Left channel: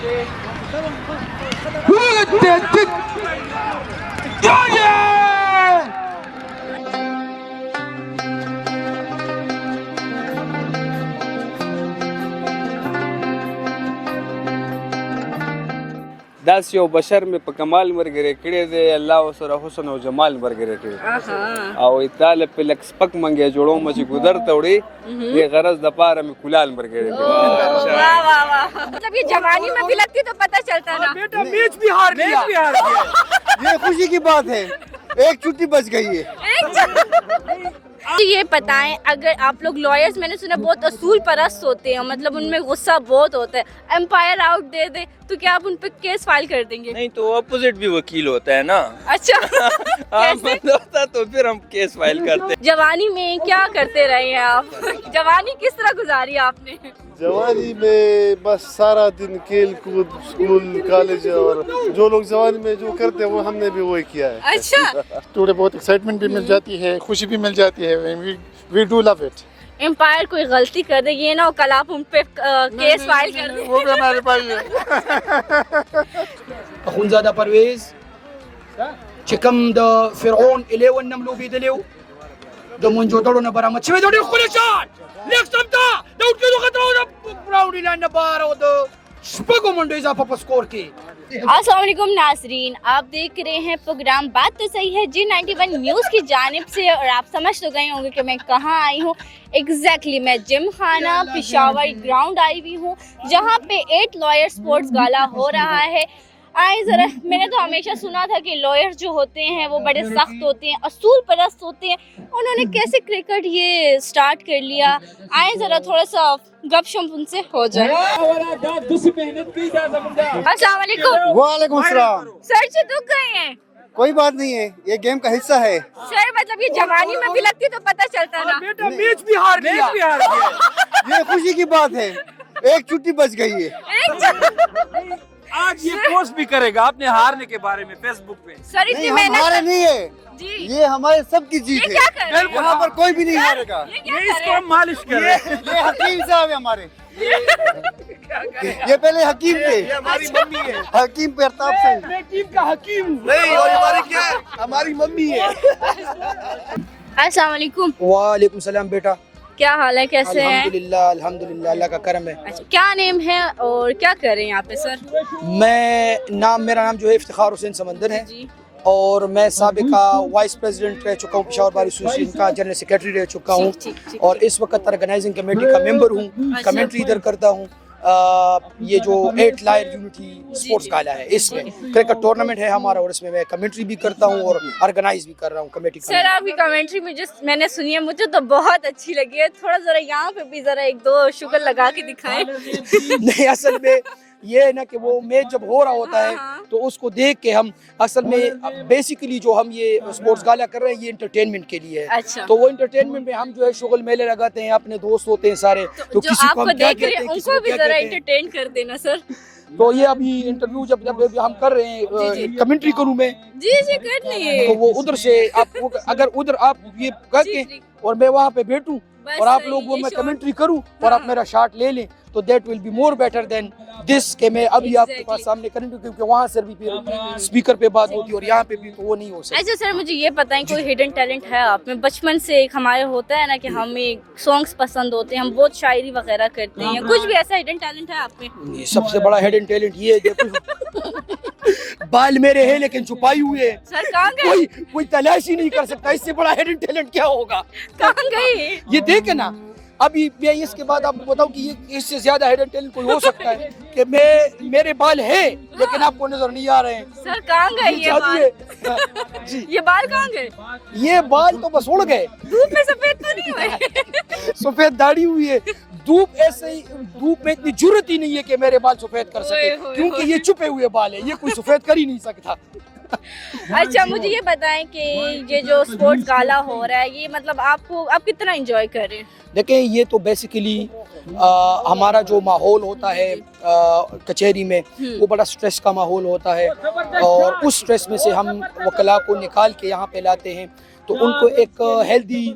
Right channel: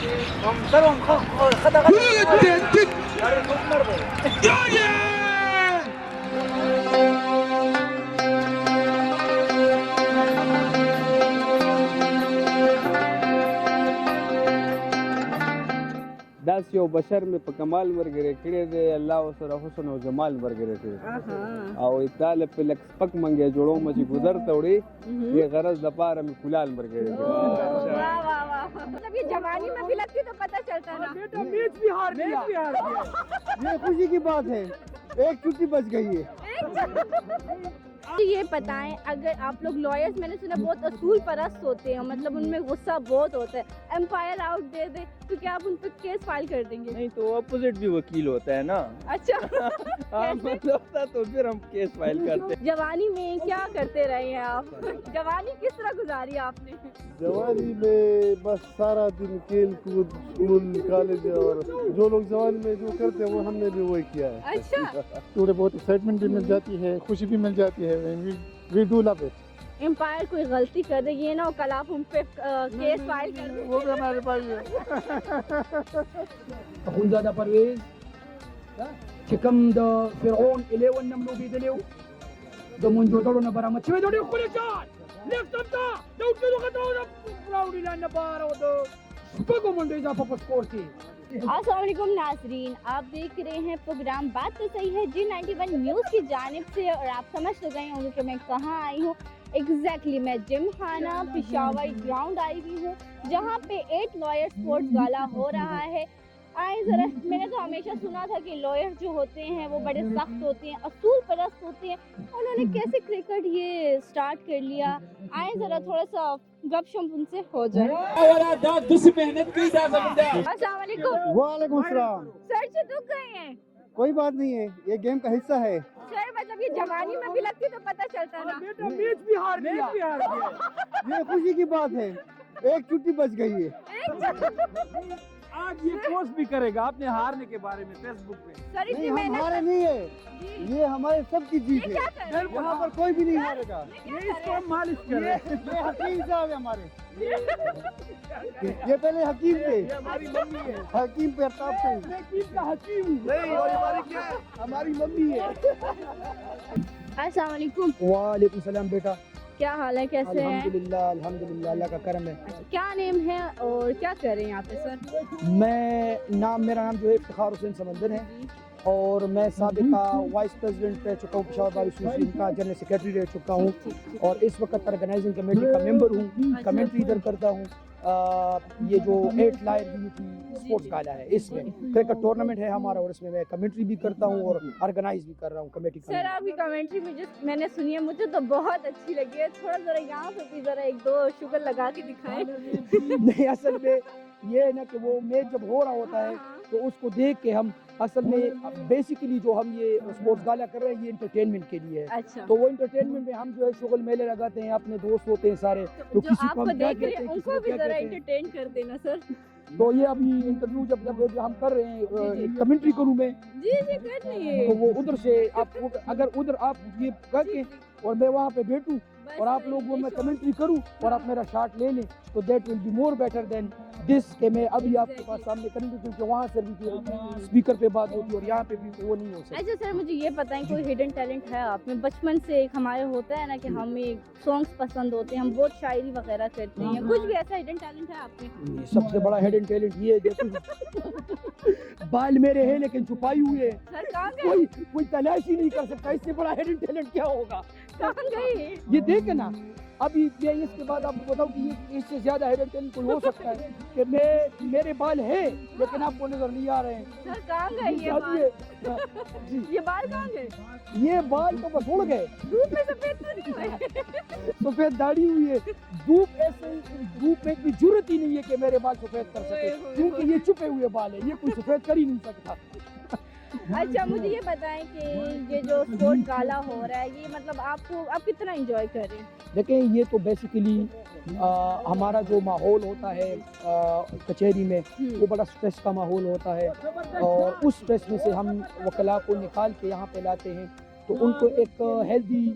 Das you بشر مې په کمال مرګري کړی دی الله وسره حسن او جمال مرګري کړی او ایتاله په لک سپک منګي جوړو مې ګذر توړي یہ غرض د پاره مې کولال مرګري کړی. واہ واہ واہ، مطلب یہ جوانی میں بھی لگتی تو پتہ چلتا نا. بیٹا میچ بھی ہار گیا. یہ خوشی کی بات ہے، ایک چھٹی بچ گئی ہے. یہ بتائیں اگر آپ لوگ لائرز میں نے سنا بہت اصول پرست ہوتے ہیں، مطلب ان میں غصہ بہت ہوتا ہے، امپائر آؤٹ دے دے تو کیا آپ ان پہ کیس فائل کر دیں گے؟ نہیں تو اپوزٹ بھی وکیل ہوتا ہے نا. اچھا ہوتا تو پھر ہم کیس فائل کرتے. جوانی میں کیا کرتے رہے ہیں آپ؟ جوانی کس طرح گزاری آپ نے؟ جوانی میں بس سارا دن کھیل کود، اسکول، کالج، اور جو لوگ جوانی میں جو کرتے ہیں وہ ہم نے بھی وہی کیا ہے. اچھا، تھوڑے بہت ایکسائٹمنٹ بھی مل جاتی ہے، خوشی بھی مل جاتی ہے. We do love it. Umpire کوئی غلطی کر دے یہ نہ ہو کل آپ ان پہ کیس فائل کر دیں. وہ بھی ہمارے پاس ہے. اخونزاده پرویز چې کوم د فرعون الیون نملو بیدلیو د منجودړو نه برآمد شوی د ډېر ښکلی شاټ لیک سمتا د اوټکېدو خطرو د براونډي لینډ نه بهر او د شپږو منډو اضافه په سکور کې. السلام علیکم ناظرین، آپ دیکھ رہے ہیں پروگرام بات تو صحیح ہے G91 نیوز کی جانب سے، اور آپ سمجھ تو گئے ہوں گے کہ میں کہاں آئی ہوں. ایگزیکٹلی میں جم خانہ پشاور گراؤنڈ آئی ہوئی ہوں جہاں پہ 8 لائر سپورٹس گالا ہو رہا ہے. آئیں ذرا، میں نے تو ہمیشہ سنا تھا کہ لائر جو ہوتے ہیں وہ بڑے سخت ہوتے ہیں، اصول پرست ہوتے ہیں. انہوں نے کیسے کرکٹ یہ سٹارٹ کر لیا؟ آئیں ذرا تھوڑا سا گپ شپ ان سے ہو جائے. السلام علیکم. وعلیکم السلام. سر سے دکھ گئے ہیں؟ کوئی بات نہیں ہے، یہ گیم کا حصہ ہے. سر مطلب یہ جوانی میں بھی لگتی تو پتہ چلتا نا. بیٹا میچ بھی ہار گیا. یہ خوشی کی بات ہے، ایک چھٹی بچ گئی ہے. آج یہ پوسٹ بھی کرے گا اپنے ہارنے کے بارے میں فیس بک پہ. سر اتنی نہیں، ہم ہارے محنت نہیں ہے، جی، یہ ہمارے سب کی جیت یہ کیا ہے. کر رہے ہیں؟ یہاں پر کوئی بھی نہیں ہارے گا. یہ کیا یہ کر اس رہے کو ہیں؟ ہم مالش کر رہے ہیں. یہ حکیم صاحب ہے ہمارے، یہ پہلے حکیم تھے. ہماری ممی ہے. حکیم پرتاپ سنگھ. میں ٹیم کا حکیم ہوں. نہیں، اور ہماری کیا ہے؟ ہماری ممی ہے. السلام علیکم. وعلیکم السلام بیٹا. کیا حال ہے، کیسے ہیں؟ الحمدللہ اللہ کا کرم ہے. اچھا، کیا نیم ہے اور کیا کر رہے ہیں یہاں پہ سر؟ میرا نام جو ہے افتخار حسین سمندر ہے، جی، اور میں سابقہ وائس پریزیڈنٹ رہ چکا ہوں، پشاور بار ایسوسیشن کا جنرل سیکریٹری رہ چکا ہوں، اور اس وقت آرگنائزنگ کمیٹی کا ممبر ہوں. کمنٹری ادھر کرتا ہوں. یہ جو 8 لائر یونٹی سپورٹس گالا ہے، اس میں کرکٹ ٹورنامنٹ ہے ہمارا، اور اس میں کمنٹری بھی کرتا ہوں اور آرگنائز بھی کر رہا ہوں کمیٹی. سر آپ کی کمنٹری میں نے سنی ہے، مجھے تو بہت اچھی لگی ہے. تھوڑا ذرا یہاں پہ بھی ذرا 1-2 شگر لگا کے دکھائیں. نہیں، اصل میں یہ ہے نا کہ وہ میچ جب ہو رہا ہوتا ہے تو اس کو دیکھ کے ہم اصل میں بیسیکلی جو ہم یہ اسپورٹس گالا کر رہے ہیں یہ انٹرٹینمنٹ کے لیے ہے. اچھا، تو وہ انٹرٹینمنٹ میں ہم جو ہے شغل میلے لگاتے ہیں، اپنے دوست ہوتے ہیں سارے، تو جو کسی آپ کو کو ہم کیا دیکھ رہے کہتے ہیں ہیں، ان کسی کو کو بھی کیا ذرا کہتے ہیں. انٹرٹین کر دینا سر. تو یہ ابھی انٹرویو جب ہم کر رہے ہیں کمنٹری کروں میں، جی جی کر لیے. تو وہ ادھر سے آپ اگر ادھر آپ یہ کر کے اور میں وہاں پہ بیٹھوں اور آپ لوگ وہ میں کمنٹری کروں اور آپ میرا شاٹ لے لیں تو that will be more better than this کہ میں ابھی آپ کے پاس سامنے کروں، کیونکہ وہاں سے بھی اسپیکر پہ بات ہوتی ہے اور یہاں پہ بھی وہ نہیں ہو سکتا. اچھا سر، مجھے یہ بتائیں کوئی ہڈن ٹیلنٹ ہے آپ میں؟ بچپن سے ایک ہمارے ہوتا ہے نا کہ ہمیں سانگس پسند ہوتے ہیں، ہم بہت شاعری وغیرہ کرتے ہیں، کچھ بھی ایسا ہڈن ٹیلنٹ ہے آپ میں؟ سب سے بڑا ہڈن ٹیلنٹ یہ ہے، دیکھو بال میرے ہیں لیکن چھپائی ہوئے ہیں. سر کہاں گئے؟ کوئی تلاش ہی نہیں کر سکتا، اس سے بڑا ہڈن ٹیلنٹ کیا ہوگا. کہاں گئے؟ یہ دیکھیں نا، ابھی میں اس کے بعد آپ کو بتاؤں کہ یہ اس سے زیادہ ہڈن ٹیلنٹ کوئی ہو سکتا ہے کہ میرے بال ہیں لیکن آپ کو نظر نہیں آ رہے ہیں. سر کہاں گئے یہ بال؟ جی یہ بال کہاں گئے؟ یہ بال تو بس اڑ گئے. دھوپ میں سفید تو نہیں ہوئے؟ سفید داڑھی ہوئی ہے. دھوپ ایسے ہی، دھوپ میں اتنی جرت ہی نہیں ہے کہ میرے بال سفید کر سکے، کیونکہ یہ چھپے ہوئے بال ہیں، یہ کوئی سفید کر ہی نہیں سکتا. اچھا مجھے یہ بتائیں کہ یہ جو اسپورٹس گالا ہو رہا ہے یہ مطلب آپ کتنا انجوائے کر رہے ہیں؟ دیکھیں یہ تو بیسیکلی ہمارا جو ماحول ہوتا ہے کچہری میں وہ بڑا سٹریس کا ماحول ہوتا ہے، اور اس سٹریس میں سے ہم وکلاء کو نکال کے یہاں پہ لاتے ہیں تو ان کو ایک ہیلدی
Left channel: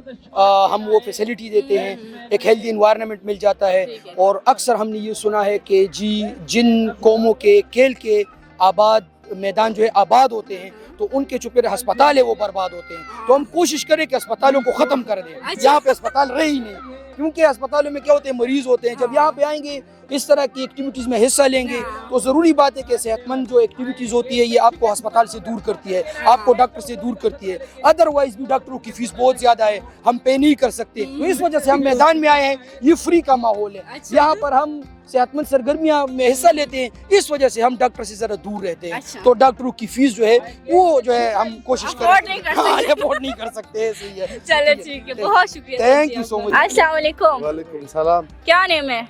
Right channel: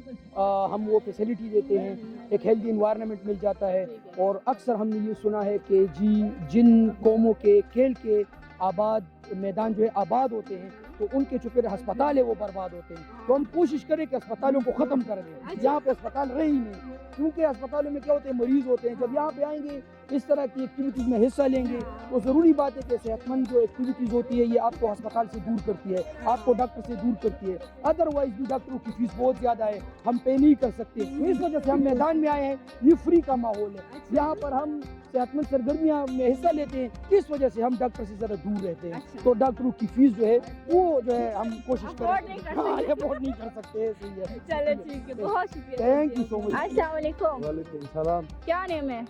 ہم وہ فیسلٹی دیتے ہیں ایک ہیلدی انوائرمنٹ مل جاتا ہے. اور اکثر ہم نے یہ سنا ہے کہ جی جن قوموں کے کھیل کے آباد میدان جو ہے آباد ہوتے ہیں تو ان کے جو پھر ہسپتال ہے وہ برباد ہوتے ہیں. تو ہم کوشش کریں کہ اسپتالوں کو ختم کر دیں. یہاں پہ اسپتال رہے ہی نہیں, کیونکہ اسپتالوں میں کیا ہوتے ہیں, مریض ہوتے ہیں. جب یہاں پہ آئیں گے اس طرح کی ایکٹیویٹیز میں حصہ لیں گے تو ضروری بات ہے کہ صحت مند جو ایکٹیویٹیز ہوتی ہے یہ آپ کو ہسپتال سے دور کرتی ہے, آپ کو ڈاکٹر سے دور کرتی ہے. ادروائز بھی ڈاکٹروں کی فیس بہت زیادہ ہے, ہم پے نہیں کر سکتے. تو اس وجہ سے ہم میدان میں آئے ہیں. یہ فری کا ماحول ہے, یہاں پر ہم صحت مند سرگرمیاں میں حصہ لیتے ہیں. اس وجہ سے ہم ڈاکٹر سے ذرا دور رہتے ہیں. تو ڈاکٹروں کی فیس جو ہے وہ جو ہے ہم کوشش کریں افورڈ نہیں کر سکتے. صحیح ہے. چلے ٹھیک ہے, بہت شکریہ. تھینک یو سو مچ. السلام علیکم. وعلیکم السلام. کیا نیم ہے؟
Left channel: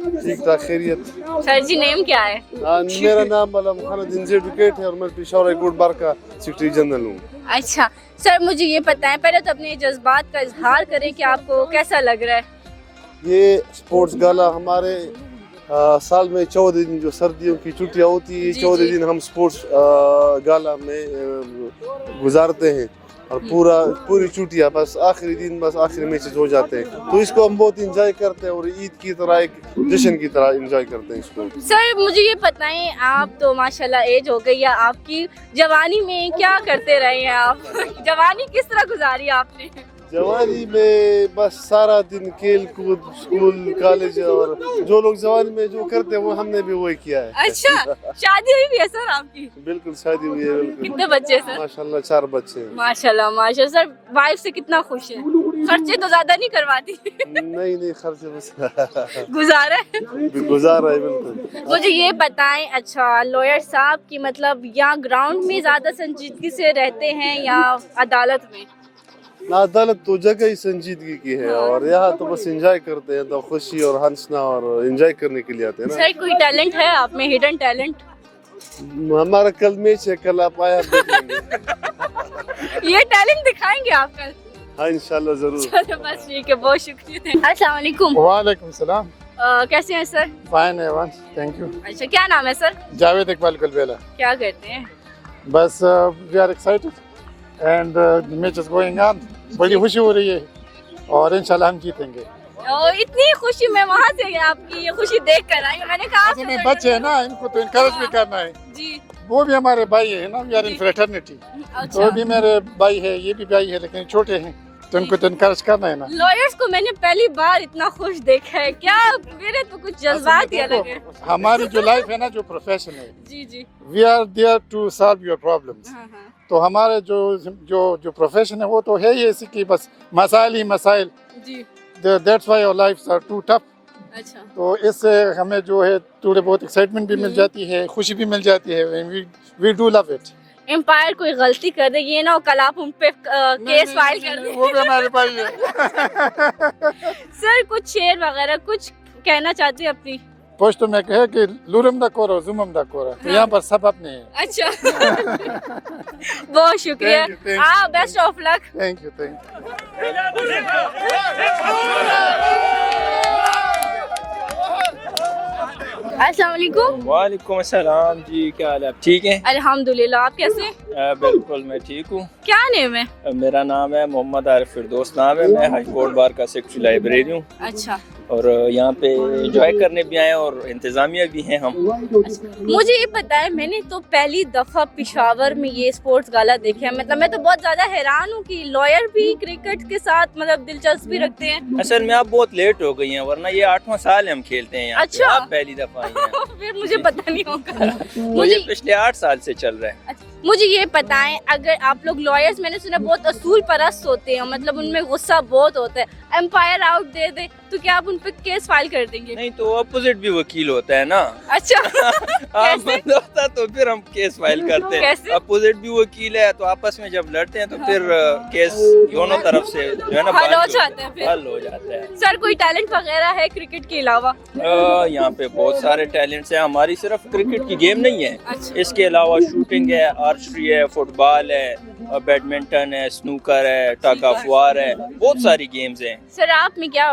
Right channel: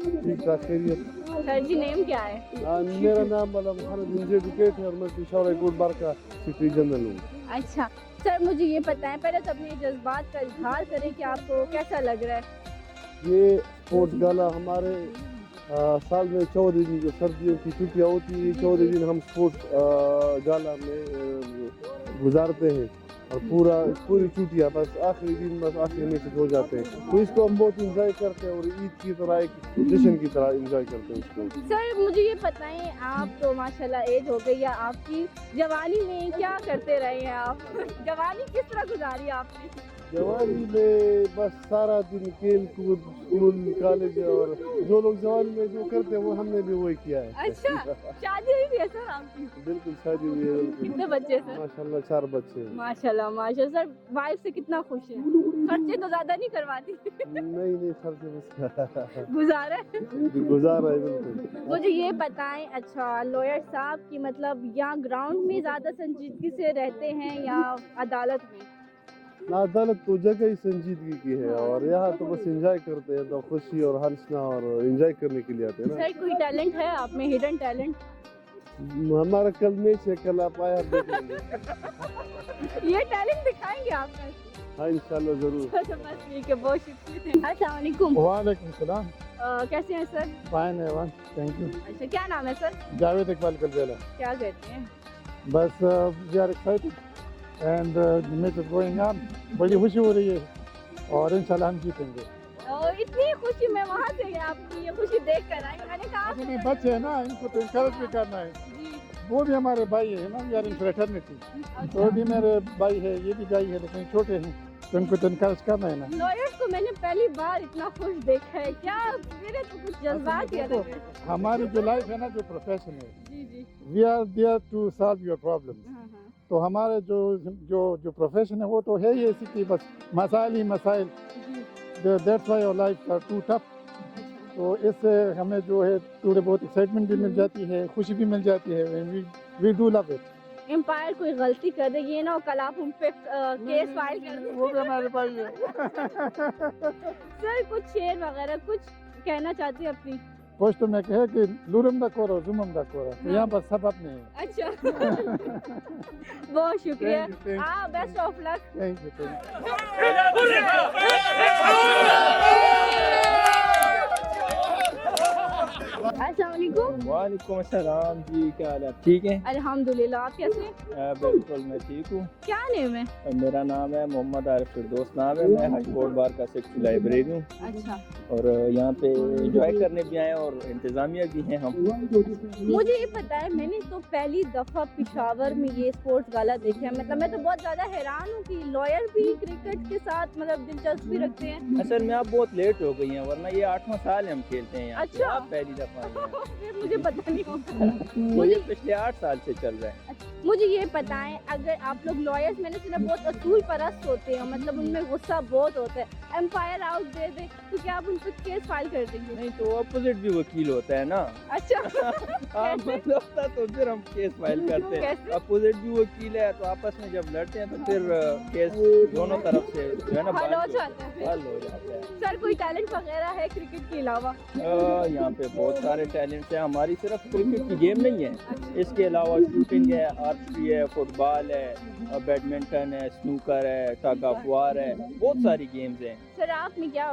ٹھیک ٹھاک خیریت. سر جی نیم کیا ہے؟ میرا نام علام خان الدین ایڈوکیٹ ہے اور میں پشاور ہائی کورٹ بار کا سیکرٹری جنرل ہوں. اچھا سر, مجھے یہ بتائیں, پہلے تو اپنے جذبات کا اظہار کریں کہ آپ کو کیسا لگ رہا ہے. یہ اسپورٹس گالا ہمارے سال میں 14 دن جو سردیوں کی چھٹیاں ہوتی ہیں 14 دن ہم اسپورٹس گالا میں گزارتے ہیں اور پوری چھٹیاں بس آخری دن بس آخری میچز ہو جاتے ہیں. تو اس کو ہم بہت انجوائے کرتے ہیں اور عید کی طرح ایک جشن کی طرح انجوائے کرتے ہیں اس کو. سر مجھے یہ بتائیں, آپ تو ماشاءاللہ ایج ہو گئی ہے آپ کی, جوانی میں کیا کرتے رہے ہیں آپ؟ جوانی کس طرح گزاری ہے آپ نے؟ جوانی میں بس سارا دن کھیل کود, اسکول, کالج اور جو لوگ جوانی میں جو کرتے ہیں وہ ہم نے بھی وہی کیا ہے. اچھا, شادی ہوئی بھی ہے سر آپ کی؟ بالکل شادی ہوئی ہے. بالکل. کتنے بچے سر؟ ماشاءاللہ 4 بچے ہیں. ماشاءاللہ ماشاءاللہ. سر وائف سے کتنا خوش ہے؟ خرچے تو زیادہ نہیں کرواتی؟ نہیں خرچے بس گزارا ہے. گزارا ہے. بالکل. مجھے یہ بتائیں, اچھا لوئر صاحب کی مطلب یا گراؤنڈ میں زیادہ سنجیدگی سے رہتے ہیں یا عدالت میں؟ عدالت تو جگہ ہی سنجیدگی کی ہے اور یہاں تو بس انجوائے کرتے ہیں, تو خوشی اور ہنسنا اور انجوائے کرنے کے لیے آتے ہیں نا. سر کوئی ٹیلنٹ ہے آپ میں, ہڈن ٹیلنٹ؟ ہمارا کل میچ ہے, کل آپ آیا دیکھیں گے. یہ ٹیلنٹ دکھائیں گے آپ کل؟ ہاں انشاءاللہ ضرور. چلو بس ٹھیک ہے, بہت شکریہ. السلام علیکم. وعلیکم السلام. کیسے ہیں سر؟ فائن ہے, تھینک یو. اچھا کیا نام ہے سر؟ جاوید اقبال گلبیلا. کیا کرتے ہیں؟ بس we are excited and match is going on. بڑی خوشی ہو رہی ہے اور انشاءاللہ ہم جیتیں گے. اتنی خوشی میں وہاں سے آپ کی یہ خوشی دیکھ کر آئی. میں نے کہا اصل میں بچے ہیں نا, ان کو تو انکریج بھی کرنا ہے. جی وہ بھی ہمارے بھائی ہیں نا, وی آر ان فریٹرنیٹی. تو وہ بھی میرے بھائی ہے, یہ بھی بھائی ہے, لیکن چھوٹے ہیں تو ان کو تو انکریج کرنا ہے نا. لائرز کو میں نے پہلی بار اتنا خوش دیکھا ہے, کیا میرے تو کچھ جذبات ہی الگ ہیں. ہماری جو لائف ہے نا, جو پروفیشن ہے, جی جی, we are there to solve your problems. تو ہمارے جو پروفیشن ہے وہ تو ہے ہی ایسی کہ بس مسائل ہی مسائل. جی, دیٹس وائی اور لائف آر ٹو ٹف. اچھا, تو اس سے ہمیں جو ہے تھوڑے بہت ایکسائٹمنٹ بھی مل جاتی ہے, خوشی بھی مل جاتی ہے. We do love it. Umpire کوئی غلطی کر دے, یہ نہ ہو کل آپ ان پہ کیس فائل کر دیں. وہ بھی ہمارے بھائی ہے. سر کچھ شعر وغیرہ کچھ کہنا چاہتی ہیں اپنی؟ پوشتو میں کہے کہ لورم دا کورا زمم دا کورا, تو یہاں پر سب اپنے ہیں. اچھا, بہت شکریہ. Best of luck. Thank you, thank you. السلام علیکم. وعلیکم السلام. جی کیا حال ہے, آپ ٹھیک ہیں؟ الحمدللہ, آپ کیسے ہیں؟ بالکل میں ٹھیک ہوں. کیا نیم ہے؟ میرا نام ہے محمد عارف فردوس نام ہے. میں ہائی کورٹ بار کا سیکرٹری لائبریری ہوں. اچھا, اور یہاں پہ انجوائے کرنے بھی آئے اور انتظامیہ بھی ہیں ہم. مجھے یہ پتا ہے, میں نے تو پہلی دفعہ پشاور میں یہ اسپورٹس گالا دیکھا ہے. مطلب میں تو بہت زیادہ حیران ہوں کہ لائر بھی کرکٹ کے ساتھ مطلب دلچسپی رکھتے ہیں. اصل میں آپ بہت لیٹ ہو گئی ہیں, ورنہ یہ 8واں سال ہم کھیلتے ہیں یہاں. اچھا, آپ پہلی دفعہ آئی ہیں. پھر مجھے پتا نہیں ہوگا. مجھے پچھلے 8 سال سے چل رہا ہے. مجھے یہ پتائیں, اگر آپ لوگ لائرز, میں نے سنا بہت اصول پرست ہوتے ہیں, مطلب ان میں غصہ بہت ہوتا ہے, امپائر آؤٹ دے دے تو کیا آپ ان پہ کیس فائل کر دیں گے؟ نہیں تو اپوزٹ بھی وکیل ہوتا ہے نا. اچھا, آپ بند ہوتا تو پھر ہم کیس فائل کرتے ہیں. اپوزٹ بھی وکیل ہے تو آپس میں جب لڑتے ہیں تو پھر کیس دونوں طرف سے جو ہے نا حل ہو جاتا ہے. حل ہو جاتا ہے. سر کوئی ٹیلنٹ وغیرہ ہے کرکٹ کے علاوہ؟ یہاں پہ بہت سارے ٹیلنٹس ہیں. ہماری صرف کرکٹ کی گیم نہیں ہے, اس کے علاوہ شوٹنگ ہے, آرچری ہے, فٹ بال ہے, بیڈمنٹن ہے, سنوکر ہے, ٹگ آف وار ہے, بہت ساری گیمز ہیں. سر آپ میں کیا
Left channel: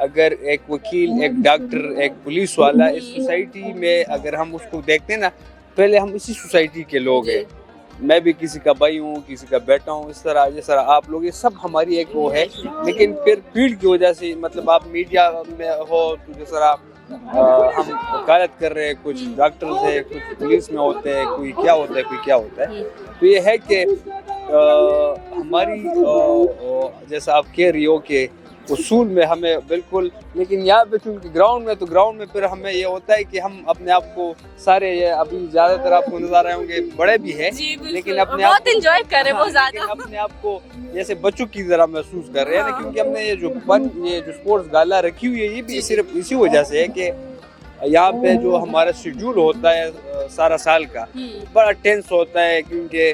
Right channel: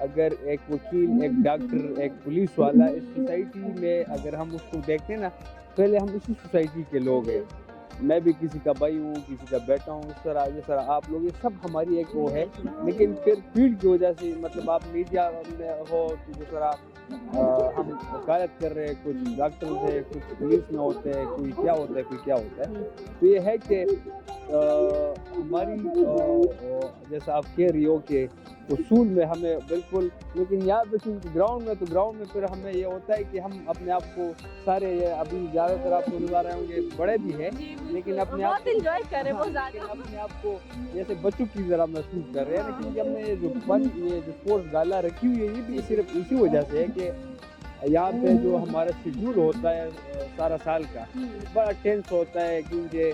اگر ایک وکیل، ایک ڈاکٹر، ایک پولیس والا اس سوسائٹی میں اگر ہم اس کو دیکھتے ہیں نا، پہلے ہم اسی سوسائٹی کے لوگ ہیں. میں بھی کسی کا بھائی ہوں، کسی کا بیٹا ہوں، اس طرح جس طرح آپ لوگ، یہ سب ہماری ایک وہ ہے. لیکن پھر فیلڈ کی وجہ سے، مطلب آپ میڈیا میں ہو تو جس طرح ہم وکالت کر رہے ہیں، کچھ ڈاکٹرز ہیں، کچھ پولیس میں ہوتے ہیں، کوئی کیا ہوتا ہے، کوئی کیا ہوتا ہے. تو یہ ہے کہ ہماری جیسا آپ کہہ رہی ہو کہ اصول میں ہمیں بالکل، لیکن یہاں پہ چونکہ گراؤنڈ میں پھر ہمیں یہ ہوتا ہے کہ ہم اپنے آپ کو سارے، یہ ابھی زیادہ تر آپ کو نظر آ رہے ہوں گے بڑے بھی ہیں، لیکن اپنے آپ بہت انجوائے کر رہے ہیں وہ زیادہ، اپنے آپ کو جیسے بچوں کی طرح محسوس کر رہے ہیں نا. کیونکہ ہم نے یہ جو اسپورٹس گالا رکھی ہوئی ہے، یہ بھی صرف اسی وجہ سے ہے کہ یہاں پہ جو ہمارا شیڈول ہوتا ہے سارا سال کا بڑا ٹینس ہوتا ہے. کیونکہ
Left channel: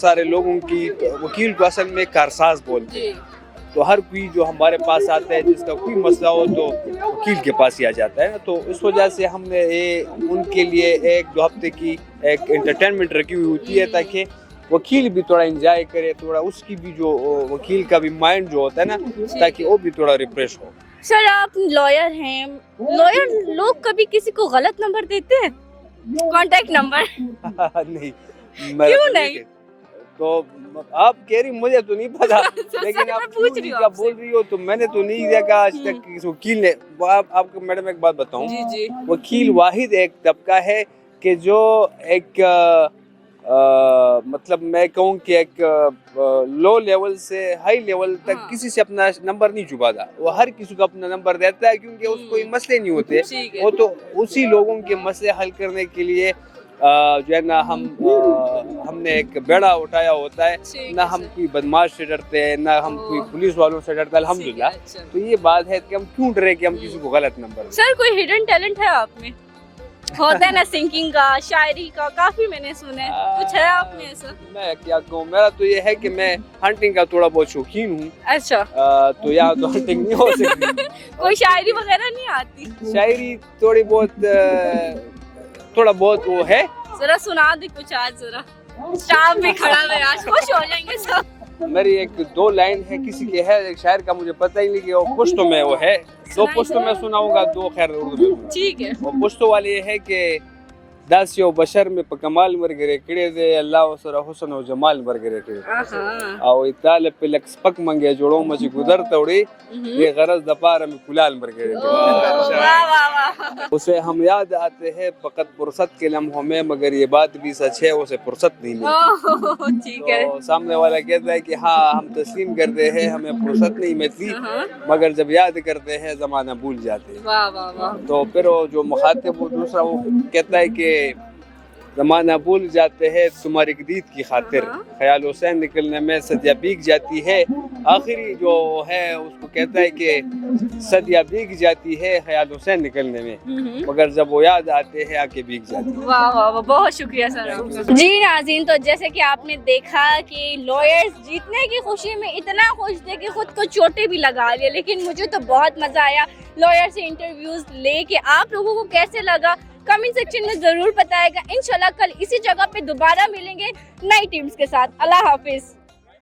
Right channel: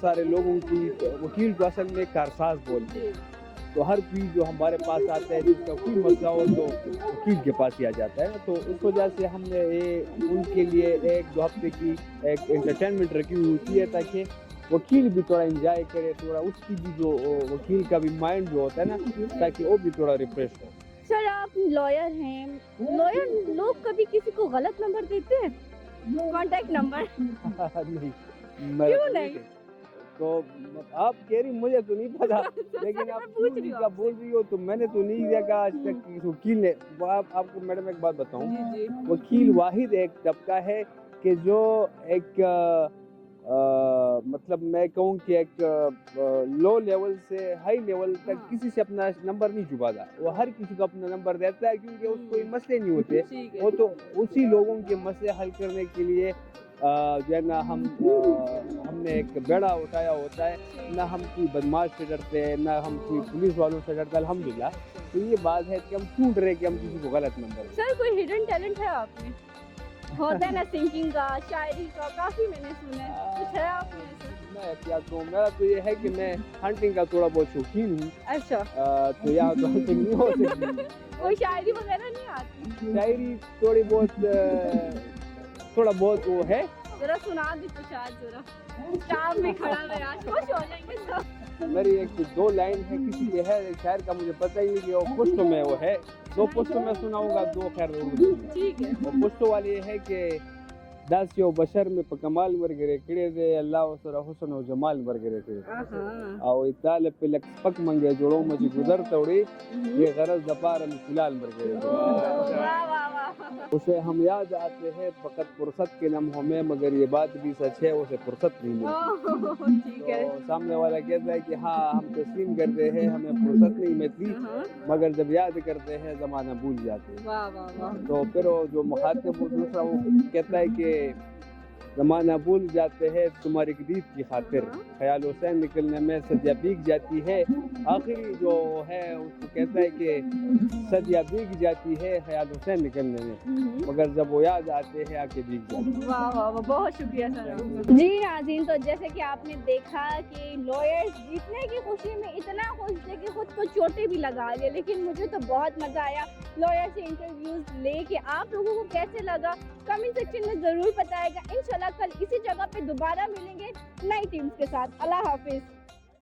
سارے لوگوں کی، وکیل کو اصل میں کارساز بولتے ہیں، تو ہر کوئی جو ہمارے پاس آتا ہے جس کا کوئی مسئلہ ہو تو وکیل کے پاس ہی آ جاتا ہے. تو اس وجہ سے ہم نے ان کے لیے 1-2 ہفتے کی ایک انٹرٹینمنٹ رکھی ہوئی ہوتی ہے، تاکہ وکیل بھی تھوڑا انجوائے کرے، تھوڑا اس کی بھی جو وکیل کا بھی مائنڈ جو ہوتا ہے نا، تاکہ وہ بھی تھوڑا ریفریش ہو. سر آپ لائر ہیں، لائر لوگ کبھی کسی کو غلط نمبر دیتے ہیں، کانٹیکٹ نمبر؟ نہیں، کیوں نہیں؟ تو آپ کہہ رہی مجھے تو نہیں پتا، لیکن آپ پوچھ رہی ہو، بول رہی ہو تو میں نے تو نہیں دیکھا آج تک کسی وکیل نے. آپ کو میڈم ایک بات بتاؤں، وکیل واحد ایک طبقہ ہے کہ جو ایک مطلب میں کہوں کہ ایک لو لیول سے ہائی لیول تک کسی سے اپنا نمبر نہیں چھپاتا. وہ ہر کسی کو اپنا نمبر دیتا ہے، کیونکہ اس کو مسئلے نہیں ہوتے. وہ تو اسی لوگوں کے مسئلے حل کرنے کے لیے جو ہے نا ہم نے ایک بیڑا اٹھایا ہوتا ہے. نہ ہم کوئی بدماش سے ڈرتے ہیں، نہ ہم کوئی پولیس والوں سے ڈرتے ہیں، الحمدللہ. تو یہ بات ہے کہ ہم کیوں ڈرے کہ ہم کسی کو غلط نمبر. سر کوئی ہڈن ٹیلنٹ ہے آپ میں؟ ہوتا ہے نا سنگنگ کا، شاعری کا، کافی میں نے سنا ہے، کچھ ہے آپ میں ایسا؟ میں کیا کہوں، میرا تو یہ ہے کہ میں ہنٹنگ کا تھوڑا بہت شوقین ہوں. اچھا. تو یہاں تو ہنٹنگ نہیں ہو سکتی. کوئی شاعری وغیرہ نہیں آتی؟ شاعری تھوڑی بہت، تھوڑا بہت وہ ہے. ذرا سنا دے کچھ آج، ذرا اسٹاف بھی کھڑا ہے، آج خوش ہو جائیں گے سب. میری 1-2 لائن ہے، کسی کے ہے ایک شاعر کا، مجھے پتہ ہی نہیں کہ وہ پشتو میں وہ ہے. 2 پشتو میں سناؤں گا، 2 خیر اردو میں. ٹھیک ہے. وہ پشتو والے یہ ہے کہ داس یو بشر میں په کمال مرګري کړي دي، الله سره حسن او جمال مرګري کړي او ایتال په لک سپک منګي جوړو مچ گذر توړي یہ غرض د پاره میں کلال مرګري کړي. واہ واہ واہ. اسے ہم یاد آتے ہیں فقط فرصت کے لمحوں میں، مگر یہ بات بھی سچ ہے اسے فرصت نہیں ملتی. ٹھیک ہے. تو سامنے والا کہتا ہے کہ ہاں ہم تسلیم کرتے ہیں، ہمیں فرصت نہیں ملتی، مگر جب یاد کرتے ہیں زمانہ بھول جاتے ہیں. واہ واہ واہ. تو پھر وہ جو مخاطب وہ دوسرا وہ کہتا ہے کہ زمانہ بھول جاتے ہیں تمہاری دید کی خاطر، خیال حسین نکلنے میں صدیاں بیگ جاتی ہے. آخری جو ہے اس کو کہتا ہے کہ صدیاں بیگ جاتی ہے خیال حسین نکلنے میں، مگر جب وہ یاد آتے ہیں آ کے بیگ جاتی ہے. واہ واہ واہ، بہت شکریہ سر. جی ناظرین، تو جیسے کہ آپ نے دیکھا کہ لائرز جیتنے کی خوشی میں اتنا خوش تھے کہ خود کو چوٹیں بھی لگا لیا، لیکن مجھے تو بہت مزہ آیا لائر سے انٹرویوز لے کے. آپ لوگوں کو کیسے لگا کمنٹ سیکشن میں ضرور بتائے گا. انشاءاللہ کل اسی جگہ پہ دوبارہ ملیں گے نئی ٹیمز کے ساتھ. اللہ حافظ.